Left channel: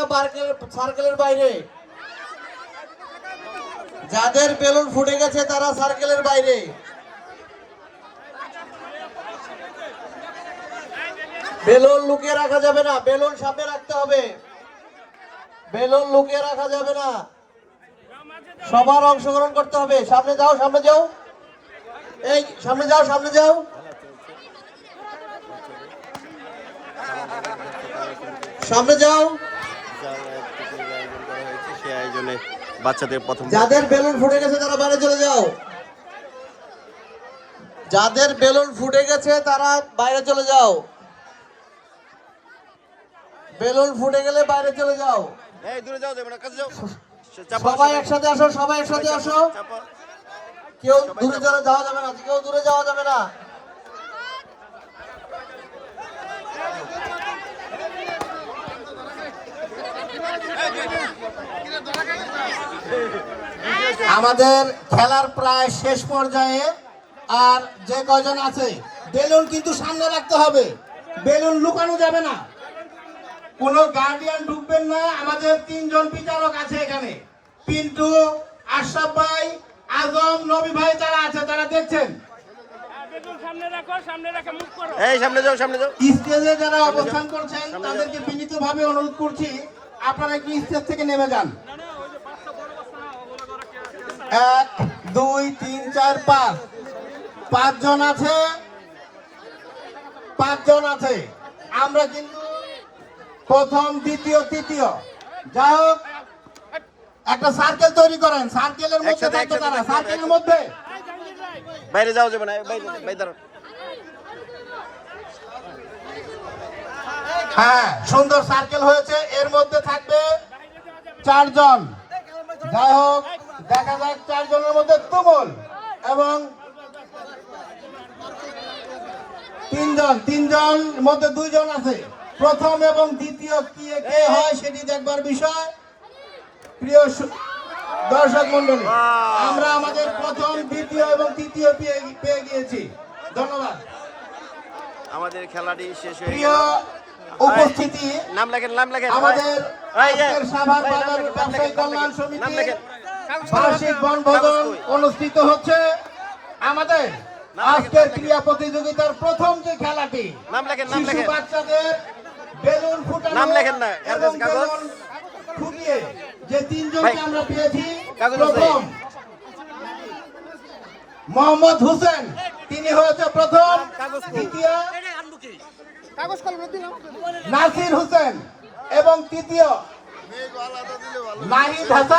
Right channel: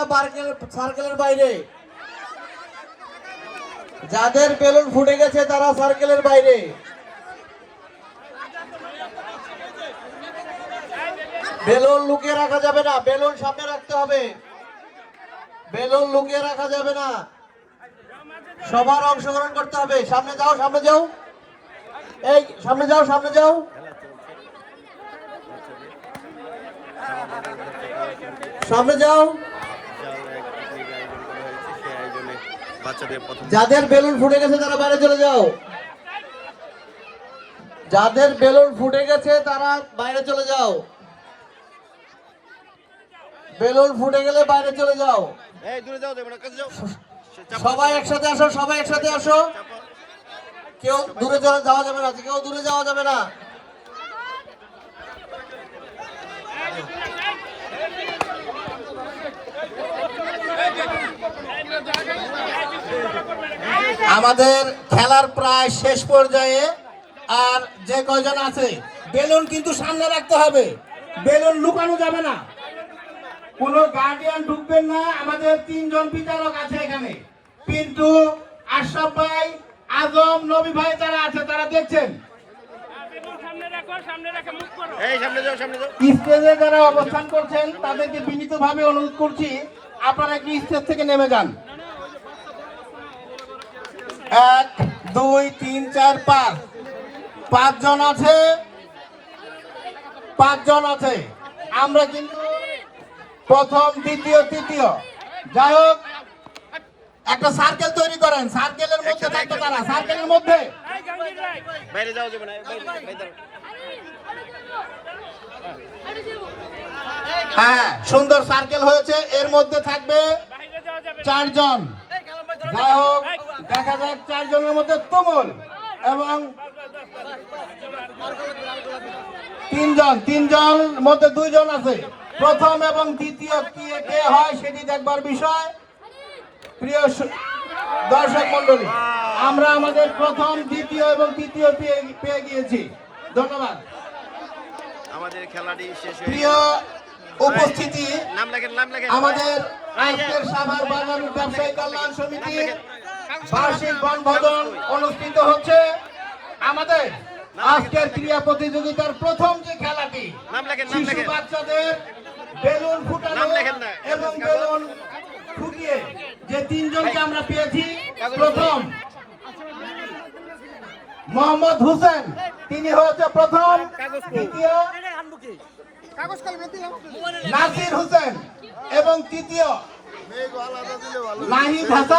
তারা সার্কেলের বাইরে। যাদের বেলুন ফুটে গেছে তারা সার্কেলের বাইরে। বেলুন লুকিয়ে রাখা যাবে না, বেলুন সামনে রাখতে হবে। বেলুন লুকিয়ে রাখা যাবে না, সবার অংশগ্রহণ করতে হবে। সামনে যাও, সামনে যাও, এই সামনে যাও, সামনে যাও। সামনে যাও। যাদের বেলুন ফুটে গেছে তারা বাইরে চলে যাও। যাদের বেলুন ফুটে গেছে তারা বাইরে চলে যাও। বেলুন ফুটে গেলে বাইরে চলে যাও। এই দূরে যাও, যাবে না, কাছে যাও। সবাই একসাথে আসো, সবাই একসাথে আসো। কেউ দূরে যাওয়া যাবে না, কেউ দূরে যাওয়া যাবে না। আমাদের খেলার প্রায় শেষ পর্যায়ে। আর যে কয়জন আছে বেলুন কিন্তু সামনে রাখতে হবে, বেলুন লুকানো যাবে না। কোনো গার্ডিয়ান ঢুকবেন না। আমাদের 3 জন বিচারক আছে এখানে, পিন্টু, আশরাফ ভাই, আজম, নবী ভাই যারা আছে তারা দেখছেন। এই সামনে যাও, সামনে যাও। স্টেজে যারা অবস্থান করছেন তাদেরকে বিনীতভাবে অনুরোধ করছি আপনারা কি স্টেজ থেকে নেমে যান। 1 2 3 4 5 5 জন আছে, 5 জন আছে। আমরা কিন্তু প্রথম, দ্বিতীয়, তৃতীয়, যাই হোক একটা সার্কেল তৈরি করেন। সার্কেলের মধ্যে থাকবে তারা, সার্কেলের মধ্যে। বাইরে যাও, যাবে না, বাইরে। হ্যাঁ, সুন্দর সার্কেল হয়েছে। এর মধ্যে থাকবে 4 জন। যাই হোক দেখা যাক 4 জনের মধ্যে তুমুল এবং 3 জন মধ্যে 2 জন আছে। প্রথম এবং দ্বিতীয় কে হয় সেটি দেখবার বিষয়। প্রিয় দর্শক মন্ডলী, আমরা আমাদের প্রথম, দ্বিতীয় এবং তৃতীয় পেয়ে গিয়েছি। ধন্যবাদ। আমাদের খেলাটি শেষ হয়ে প্রিয় গেল। উপস্থিতি, নাম লেখেন, নাম লেখেন। আমাদের আজকের সাভার বাজার ব্যবসায়ী কল্যাণ সমিতির বার্ষিক বনভোজন অনুষ্ঠিত হচ্ছে। আমাদের আজকের ক্রীড়া প্রতিযোগিতার প্রথম যে খেলাটি, নাম লেখেন, নাম লেখেন। শিশু বাচ্চাদের বেলুন ফুটানো নাম লেখেন না, এবং বেলুন ফুটিয়ে যে 3 জনকে আমরা পেয়েছি। কাগজ প্রথম মোহাম্মদ হোসেন, তিনি হয়েছে প্রথম। দ্বিতীয় নাসির হোসেন এবং তৃতীয় নাহিদ হাসান।